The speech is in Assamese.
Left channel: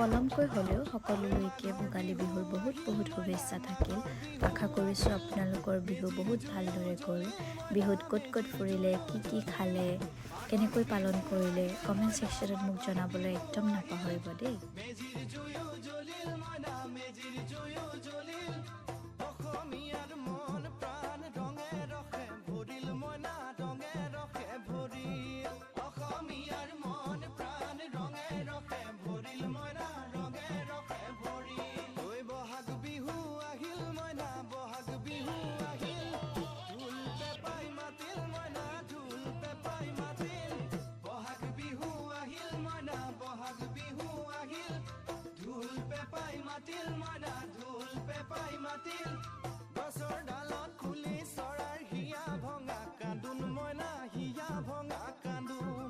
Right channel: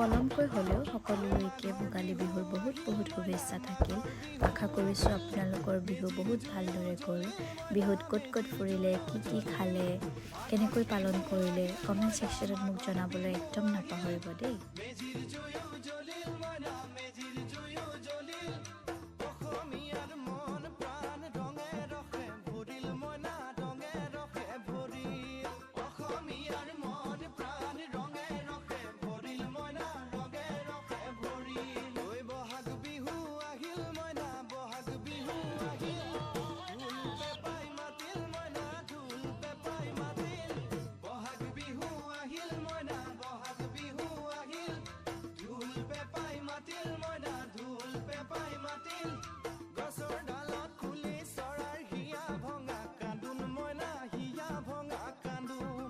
পলমকৈ হ'লেও সকলোলৈকে ভোগালী বিহুৰ বহুত শুভেচ্ছা থাকিল। আশা কৰিছোঁ আপোনালোকৰ বিহু বহুত ভালদৰে গ'ল। বিহুত ক'ত ক'ত ফুৰিলে, কি খালে, কেনেকৈ পালন কৰিলে কমেণ্ট ছেকশ্যনত মোক জনাবলৈ একদম নাপাহৰিব দেই। গছৰ ডালত খুলি চৰাৰ হিয়া ভঙা কান্দোন মইনা হিয়া ভঙা কান্দোন